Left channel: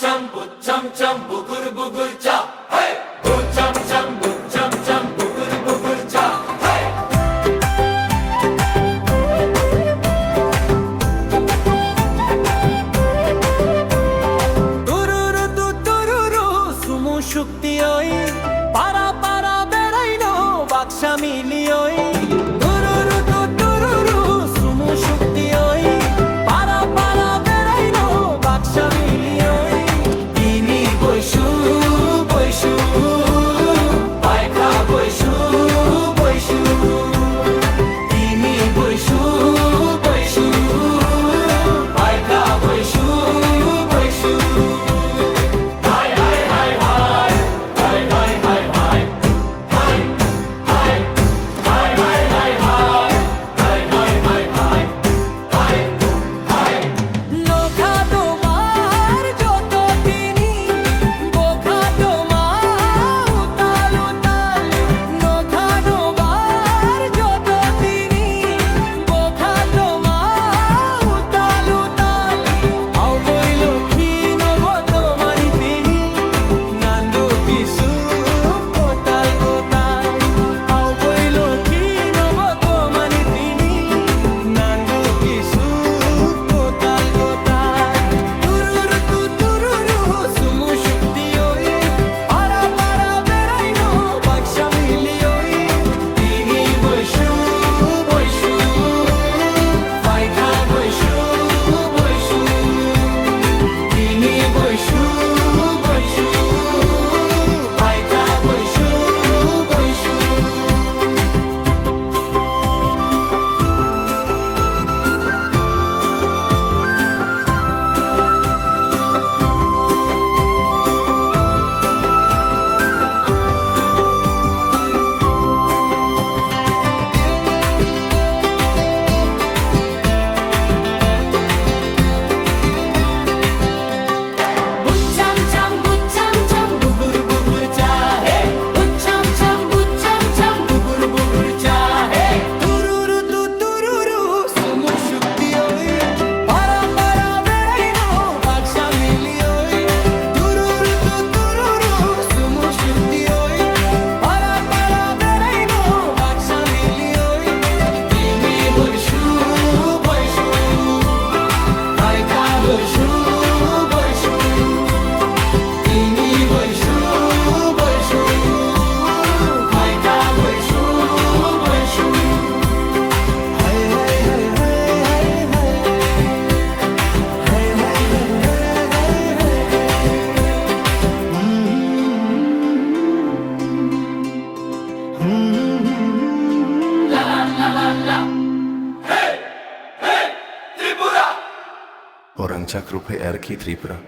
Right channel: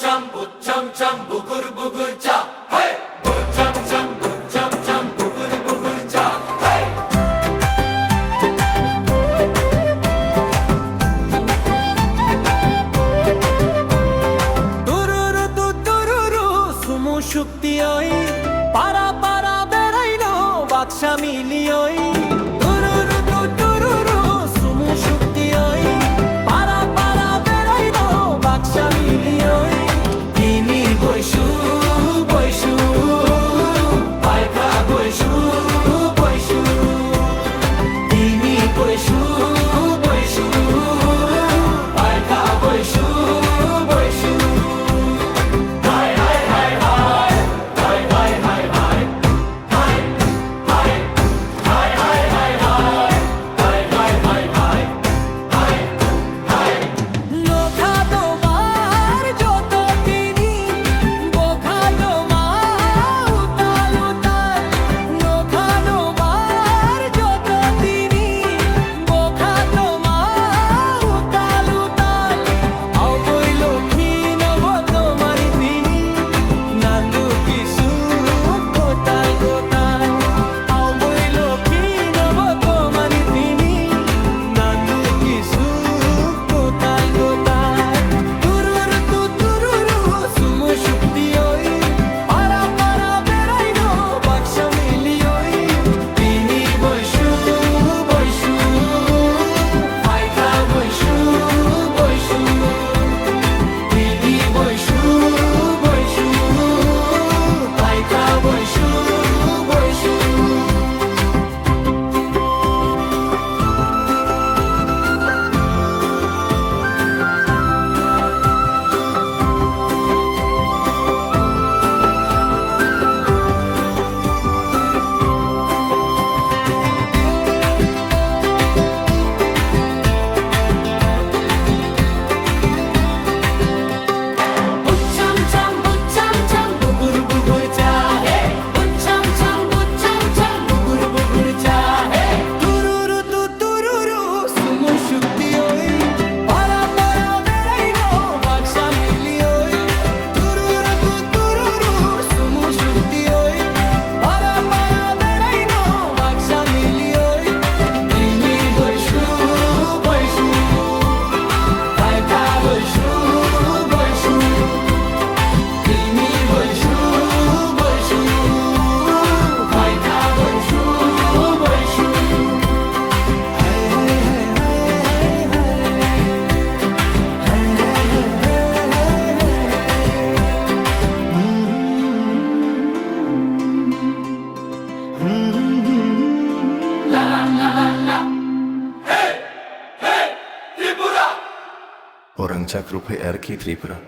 cham but cham bugur bugur cha. Hey, bu cham but cham bugur bugur cha. Hey. Tururu tu tururu sumu shukti oi para para beraino baksha mili oi. Tururu tu tururu sumu shukti oi para para beraino baksha mili oi. Tini boishu boishu paika boishu boishu. Tini boishu boishu paika boishu boishu. Hi hi hi hi. Hi hi hi hi. Hi. Hi. Hi hi hi hi. Hi hi hi hi. Hi. Hi. Nokha তোমার যত তিনি বোখা তোমার উতাল উতাল। নোখা তোমার যত তিনি বোখা তোমার উতাল উতাল। আও বই লক্ষ্মী নব তোমারি তিনি নান্দু কিছু কোতাল কোতাল। আও বই লক্ষ্মী নব তোমারি তিনি নান্দু কিছু কোতাল কোতাল। তুরুরু তু তুরুরু সুমু শুক্তি ওই পারা পারা বেড়াইনো বাক্সা মিলি ওই। তিনি বৈশু বৈশু পাইখা বৈশু বৈশু। তিনি Baishu Baishu পাইখা Baishu Baishu. Bucham cham bugur bugur chahe. Bucham cham bugur bugur chahe. Tururu tu tururu sumu shukti oi para para beraino baksha mili oi. Tururu tu tururu sumu shukti oi para para beraino baksha mili oi. Tini boishu boishu paika boishu boishu. Tini boishu boishu paika boishu boishu. Hey hey hey hey hey hey. Hey hey hey hey hey hey hey. La la la la la. Hey hey Tripura. Orang Cakrupe RK Tripura.